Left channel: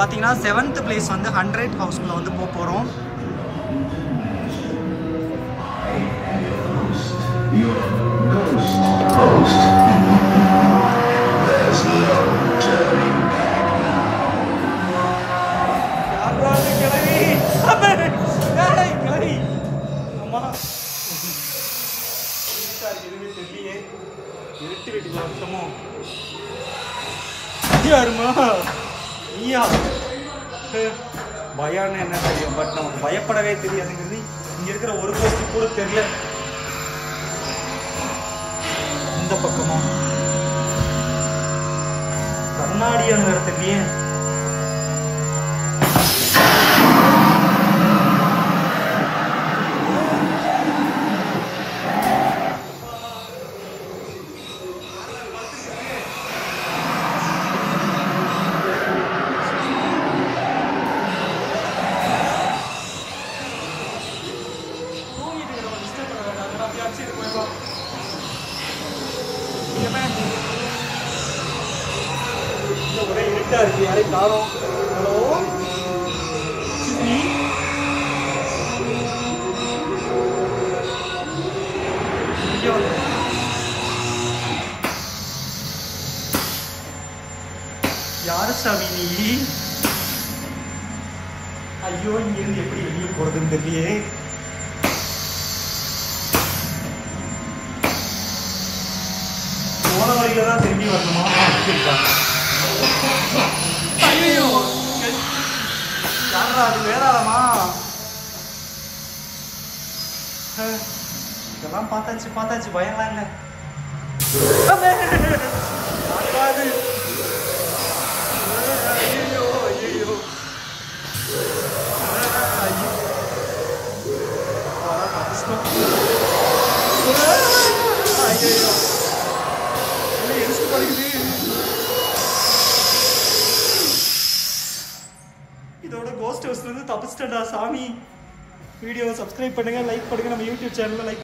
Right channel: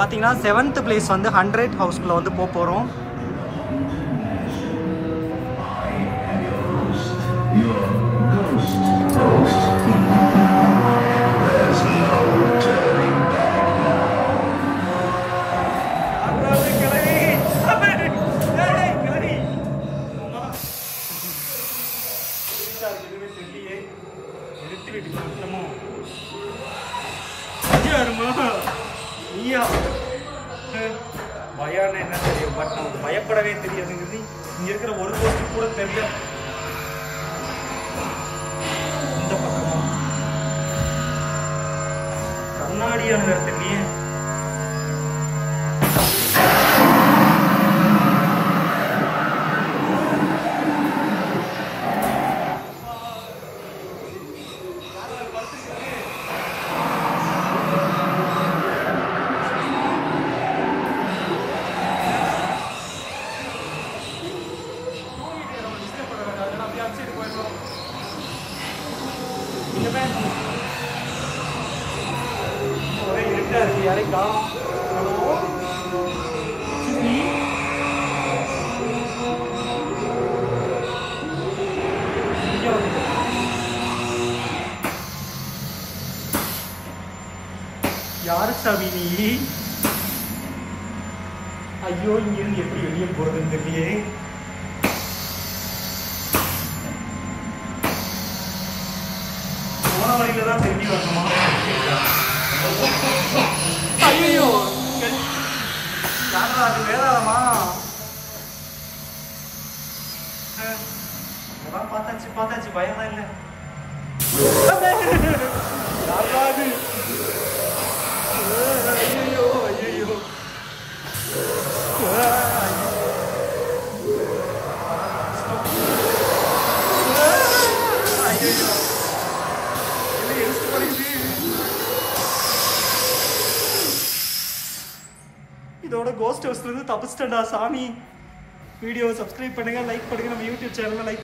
பாத்தீங்கன்னா 7th place வந்து 100 ஹவுஸ்க்குள்ள வந்து போறோம். பயம் என்ன தெரியும், பட் நமக்கு பயப்படவே தெரியாதுங்கிறது இங்க இருக்கிற ஒரு போஸ்ட் கூட தெரியல. இந்த பக்கமா கண்ணாடியான இடத்துலயே ஒரே இருட்டா இருக்கு, யாரையும் காணோம். ஹலோ யாரு சாமி நீ? ஐயோ, இங்கிருந்து எப்படி வெளியே போறதுன்னு தெரியலையே. போன வழியில தான் திரும்பி வரணுமா? ஐயோ, யாரா அது? வேதாளமா? இதெல்லாம் பார்த்தாச்சு பயம்லாம் இல்லை. யாராது? ஐயோ ஐயோ ஐயோ இதோட கோஸ்ட் ஹவுஸ்ல இருந்து தப்பிச்சிட்டா சாமி. வீடியோ சப்ஸ்கிரைப் பண்ணுங்க, லைக் பண்ணுங்க, நம்ம யூடியூப் சேனல்ல லைக்